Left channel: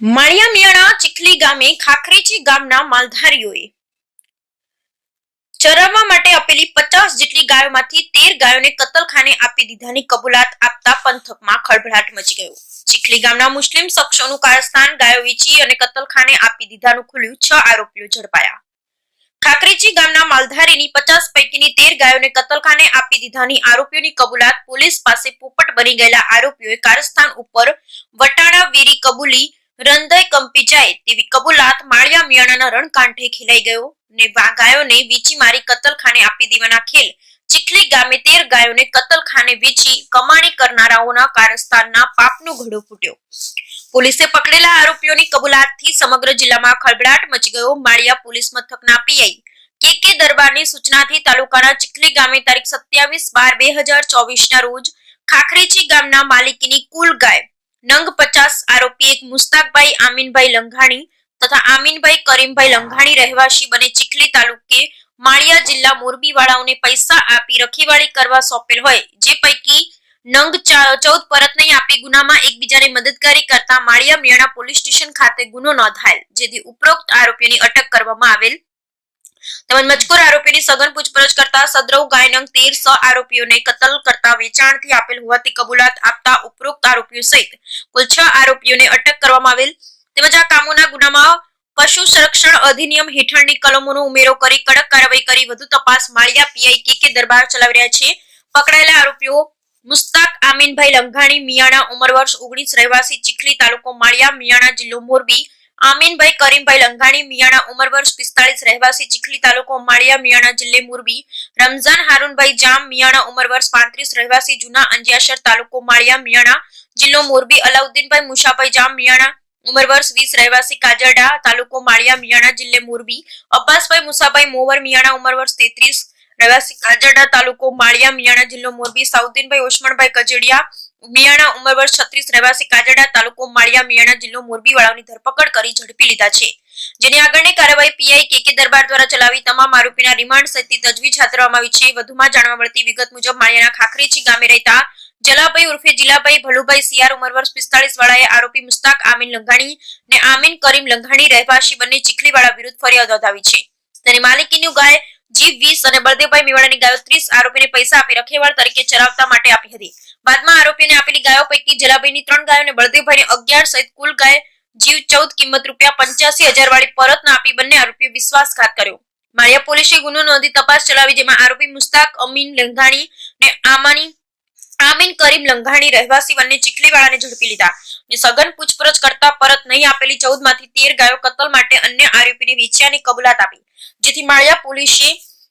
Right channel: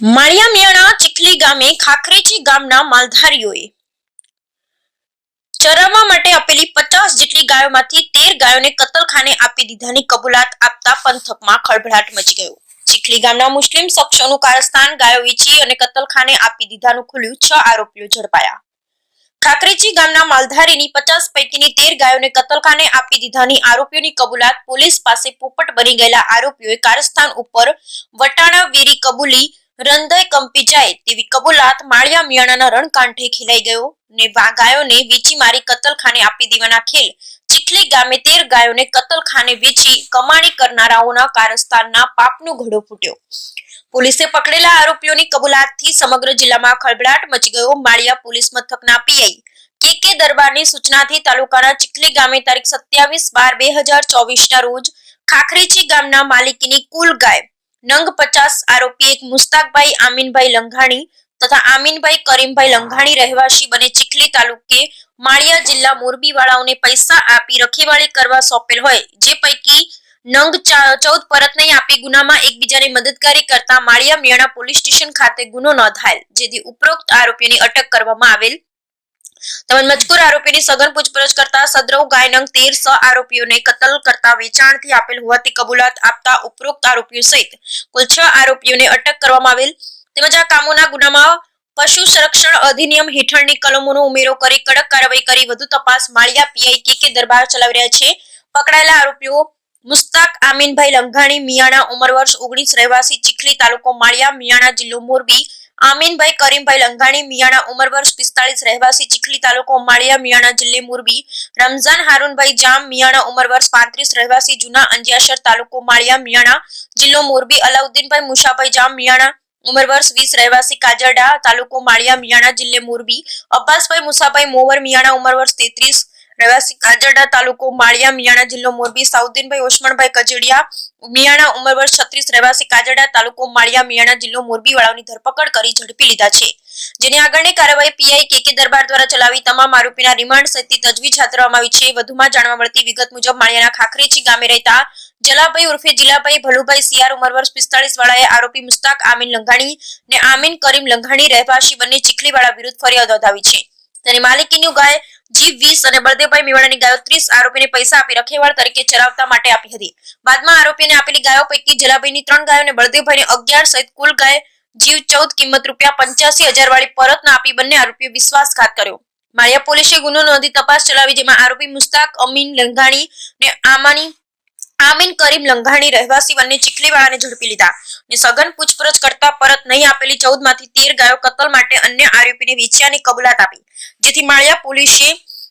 માળિયા ચીખલી ગામે ખાખરેચી ગામના માલધારીઓએ ચરાવવા માટે આપેલી પચાસ જેટલી ગાયોમાંથી તેર ગાયોને કતલખાને આપી દીધાની કબૂલાત આપતા પંથકમાં ખળભળાટ મચી ગયો. ચીખલી ગામના મુસ્લિમ શખ્સોનું કારસ્તાન ગાયો વેચી અને કતલખાને આપી દીધાનું ખુલ્યું છ આરોપીઓ ઝડપાયા. ખાકરેચી ગામના માલધારીની પચાસ પૈકીની તેર ગાયોને કતલખાને આપી દીધાની આરોપીઓની કબૂલાત પોલીસ પાસે પોપટ બની ગયેલા આરોપીઓએ કારસ્તાન ઉપર વટાણા વેરી કબૂલી રંધઈ કંપી જાય તેવી કબૂલાત માળિયા મિયાણાના રણકાંઠે ખીલાઈ ગયો ને ગાયોને વીચી મારી કતલખાને આપી દેવાના ખેલ. ચીખલી ગામે તેર ગાયોને કતલખાને વેચી કમાણી કરનારાઓના કારસ્તાનના પાપનો ઘડો ફૂટ્યો. પોલીસે પકડેલા આરોપીઓની કબૂલાતથી સમગ્ર જિલ્લામાં ખળભળાટ મચી ગયો. માળિયા પોલીસ મથકના પીઆઈ કે કે દરબારની સૂચનાથી તાલુકાના ચીખલી ગામે તારીખ સત્યાવીસ બાર બે હજાર ચોવીસના રોજ ખાખરેચી ગામના માલિકીની કુલ ગાય નંગ પચાસ આરોપી એક મુસ્તાકભાઈ આમીનભાઈ લંઘાણી તથા આમીનભાઈ કરીમભાઈ લંઘાણી રહેવાસી બને ચીખલી તાલુકે માળિયા જિલ્લા મોરબીવાળાઓને પૈસા આપી રખેવાળી કરવા સોંપેલ હોય. જે પૈકી નંગ ચૌદ પરત નહીં આપી ગુનામાં એકબીજાને મદદગારી કરતા માળિયા મિયાણા પોલીસ સ્ટેશન ખાતે ગુનો નોંધાયેલ, જેથી ઉપરોક્ત આરોપીઓની અટક કરવામાં આવેલ. તેમજ મજકૂર આરોપીની સઘન પૂછપરછ કરતા સદ્રવ ગાયનંગ તેર સ આરોપીઓને કતલ કરતા વેચાણથી આપેલ હોવાથી કબૂલાત આપતા ઉપરોક્ત આરોપીઓ સહિત કુલ છ આરોપીઓને અટક કરવામાં આવેલ. તેમજ આ કામોના ગુનામાં પશુ સંરક્ષણ અધિનિયમ હેઠળની કલમોનો ઉમેરો કરી કડક કાર્યવાહી કરી વધુ તપાસ માળિયા પીઆઈ કે કે દરબાર ચલાવી રહ્યા છે. પકડાયેલા આરોપીઓ મુસ્તાક આમીનભાઈ લંઘાણી, મિયાણા ઉંમર વર્ષ ઓગણીસ, રહેવાસી, ચીખલી તાલુકો માળિયા, મિયાણા જિલ્લો મોરબી આમીનભાઈ કરીમભાઈ લંઘાણી, મિયાણા ઉંમર વર્ષ પિસ્તાળીસ રહેવાસી, ચીખલી તાલુકો માળિયા મિયાણા જિલ્લે મોરબી, રમઝાન હારૂનભાઈ જામ, મિયાણા ઉંમર વર્ષ પાંત્રીસ રહેવાસી, જૂના અંજિયાસર તાલુકો માળિયા મિયાણા જિલ્લો મોરબી, અલાઉદ્દીનભાઈ મુશાભાઈ જામ, મિયાણા ઉંમર વર્ષ વીસ રહેવાસી, કાજરડા તાલુકો માળિયા મિયાણા જિલ્લે મોરબી, અબ્બાસભાઈ મુસાભાઈ મોવર, મિયાણા ઉંમર વર્ષ તેત્રીસ રહેવાસી કાજરડા તાલુકો માળિયા મિયાણા જિલ્લો મોરબી સાઉદ્દીનભાઈ ઓસમણભાઈ કજેડિયા, મિયાણા ઉંમર વર્ષ છત્રીસ, રહેવાસી કાજરડા તાલુકો માળિયા મિયાણા જિલ્લો મોરબી વાળાની ધરપકડ કરી ઝડપી લીધા છે. જેની આગળની કાર્યવાહી પીઆઈ કે દરબાર દ્વારા ચલાવી તમામ આરોપીના રિમાન્ડ સહિતની તજવીજ હાથ ધરવામાં આવી છે. વધુમાં જાણવા મળતી વિગત મુજબ માળિયાના ખાખરેચી ગામે રહેતા જલાભાઈ ઉર્ફે જિલ્લાભાઈ ભલુભાઈ સિયાર ઉંમર વર્ષ પિસ્તાળીસ વાળાએ આરોપી મુસ્તાક આમીન લંઘાણી ને આમીન કરીમ લંઘાણી રહેવાસી બંને ચીખલીવાળા વિરુદ્ધ ફરિયાદ નોંધાવી છે. તેની માલિકીની ગાય જીવ વીસ અને બળદેવભાઈ મેવાડાની ગાયો ત્રીસ આરોપીને પૈસા આપી રખેવાળ તરીકે ચરાવતા માટે આપી હતી. બાદમાં આરોપીને આપેલી ગાયો પૈકી જલાભાઈની ત્રણ ગાયો અને બળદેવભાઈને અગિયાર સહિત કુલ ગાય, જીવ ચૌદ, કિંમત રૂપિયા પંચ્યાસી હજાર વાળી પરત ના આપી બંને આરોપીઓ વિશ્વાસઘાત કર્યો. માળિયા પોલીસે ગુનો નોંધી તપાસ ચલાવી, જેમાં આરોપી મુસ્તાક, અમીન, લંઘાણી ને આમાની આમીન કરીમ લંઘાણી રહેવાસી વન્ય ચીખલીવાળાને ઝડપી લીધા ને સઘન પૂછપરછ કરતા પરત નહીં આપેલી ચૌદમાંથી તેર ગાયો કતલ માટે અન્ય આરોપીને વેચ્યાની કબૂલાત આપી, જેથી માળિયા પોલીસે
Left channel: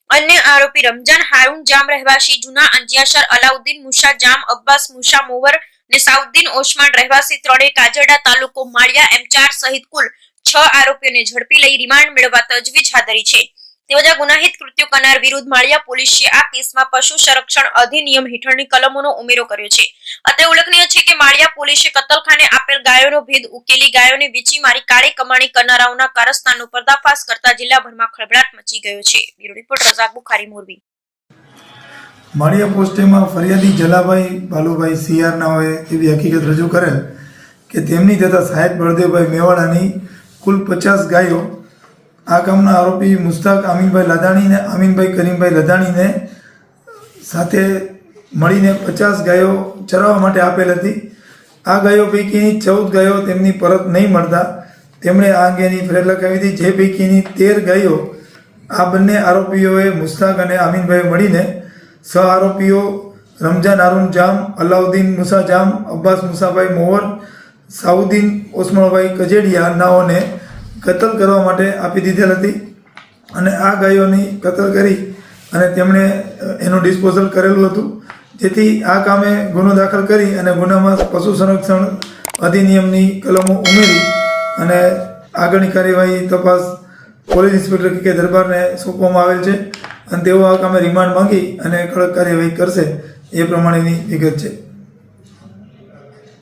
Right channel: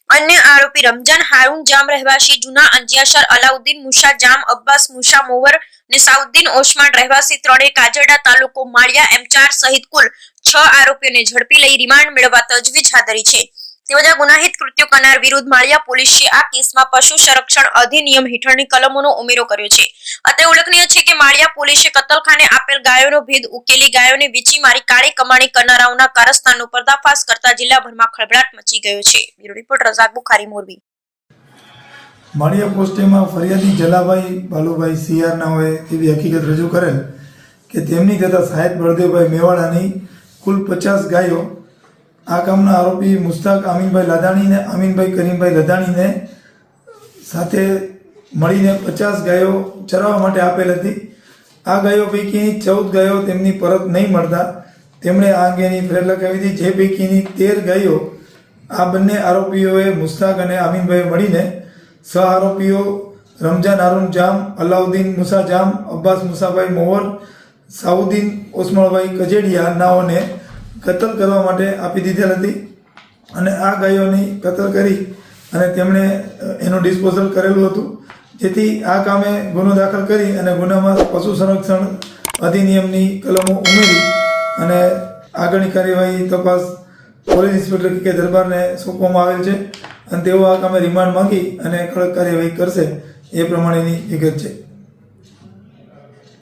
અન્ય આરોપી રમજાન હારૂન જામ રહેવાસી જૂના અંજિયાસર અલાઉદ્દીન મુશા જામ, અબ્બાસ મુશા મોવર ને સાઉદ્દીન ઓસમાન રહેવાસી ત્રણે કાજરડા તાલુકો માળિયા એમ ચાર સહિત કુલ છ આરોપીઓને ઝડપી લઈ રિમાન્ડ મેળવવા તજવીજ હાથ ધરી છે. તેમજ ગુનાહિત કૃત્યો કરનાર વિરુદ્ધ માળિયા પોલીસે આ કેસમાં પશુ સંરક્ષણ અધિનિયમ હેઠળની કલમોનો ઉમેરો કર્યો છે. અત્રે ઉલ્લેખનીય છે કે માળિયા પોલીસે કતલખાને આપેલ ગાયોનો ભેદ ઉકેલી ગાયોને વેચી મારી કાળી કમાણી કરનારાઓના કારસ્તાનનો પર્દાફાશ કરતા જિલ્લાભરમાં ખળભળાટ મચી ગયો છે. Bureau report, Razak Bukhari, Morbi. માળિયા પોસ્ટેમાં ફરિયાદી જલાભાઈ બાલુભાઈ હોય એવી હકીકત રજૂ કરેલ કે તેમની તથા સાહેબ બળદેવભાઈ મેવાડાની કુલ પચાસ ગાયો આ કામના આરોપી મુસ્તાક આમીનભાઈ લાદાણીને અમીનભાઈ કરીમભાઈ લદાણીને સાથે મળીને પચાસ ગાયો ચરાવવા માટે આપેલ હતી. આ ગાયો પૈકીની ચૌદ ગાયો તેમની પરત નહીં મળતા. તેમણે આ અંગેની ફરિયાદ લખાવી હતી. જે પૈકીની તેર ગાયો આ બંને આરોપીઓએ મુસ્તાક અને આમીનભાઈ મળીને સહ આરોપીઓ રમઝાન હારૂન જામ, અલાઉદ્દીન મુસા જામ, અબ્બાસ મુસાભાઈ મોહર, સાઉદ્દીન ઓસમણભાઈ કજેડિયા નાઓને કતલ કરવા માટે આપી દીધેલ હતી અને આ ગાયોની કતલ કરી અને તેમણે એનું ડિસ્પોઝલ કરેલું હતું. જેથી આ કામે ગુનો દાખલ કરી અને ગુનામાં પશુ સંરક્ષણ અધિનિયમની કલમો ઉમેરી અને આગળની કાર્યવાહી તપાસ પોલીસ ઇન્સ્પેક્ટર કે દરબારને સોંપવામાં આવેલ છે. અને તેઓ આ કામે રિમાન્ડ માંગી અને કડક કાર્યવાહી કરશે. એ પ્રમાણેની વિગત છે.